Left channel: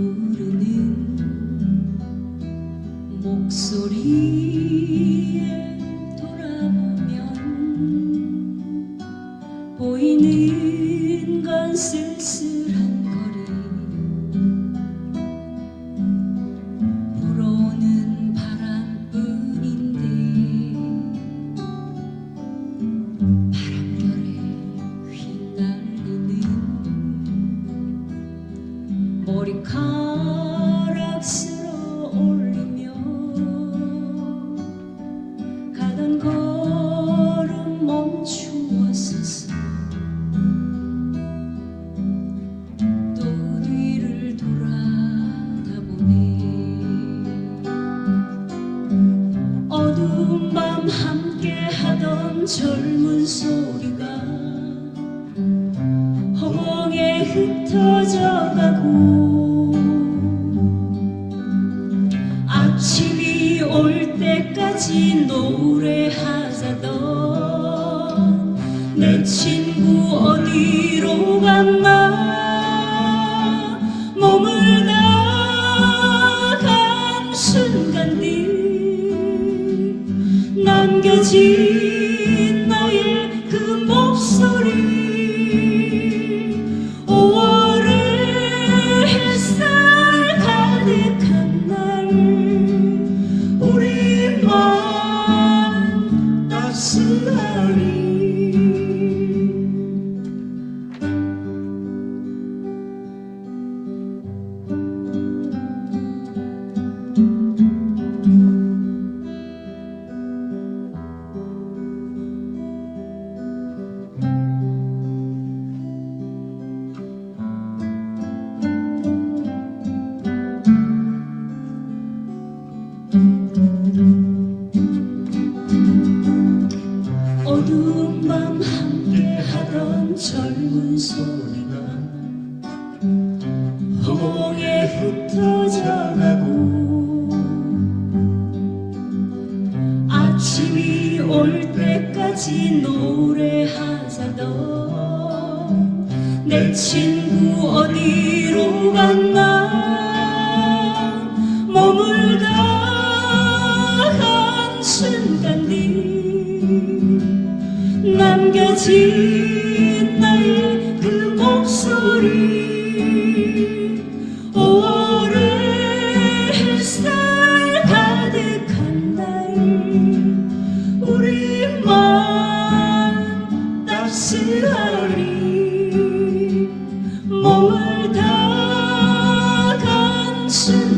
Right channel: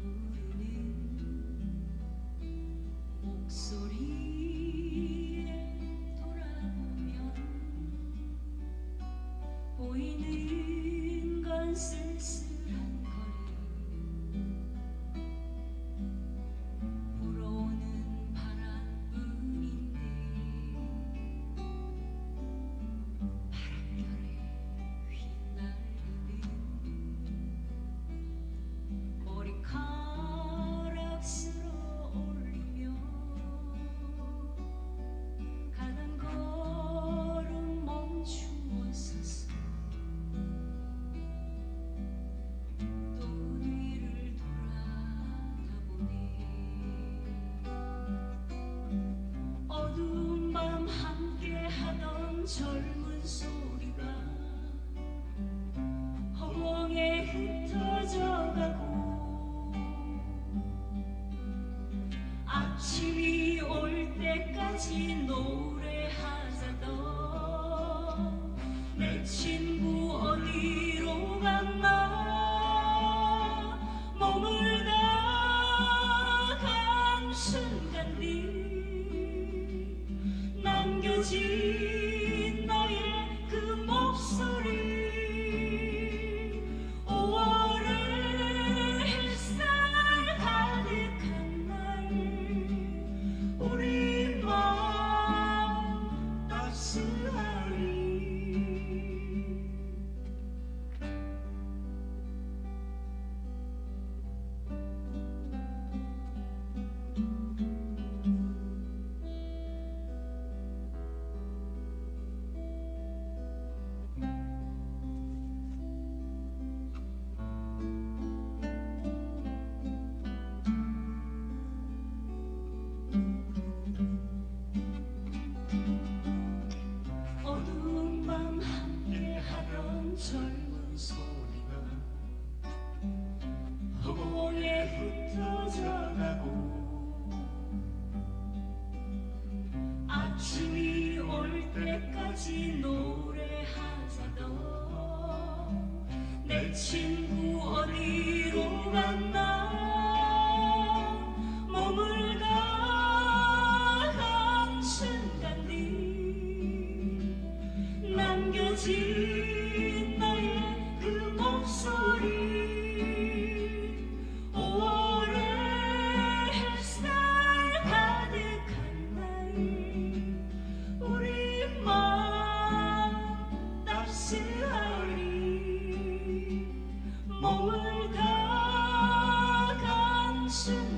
부르는 목소리에 돌아보면 보이는 건 쓸쓸 가락스러 올리며 가던 걸음 멈추었었어. 또 뒤를 돌아다보니 어두운 밤 함께하던 젊은 소리가 허공에 흩어져가고 때까지 노래하자던 내 친구 어디로 갔나? 몸을 다간 순간들 남겨진 나의 그 목소리 5월의 햇살 따스 하던 젊은 소리가 허공에 흩어져 가고 아침이 올 때까지 노래하자던 내 친구 어디로 갔나? 몸을 다한 순간들 남겨진 다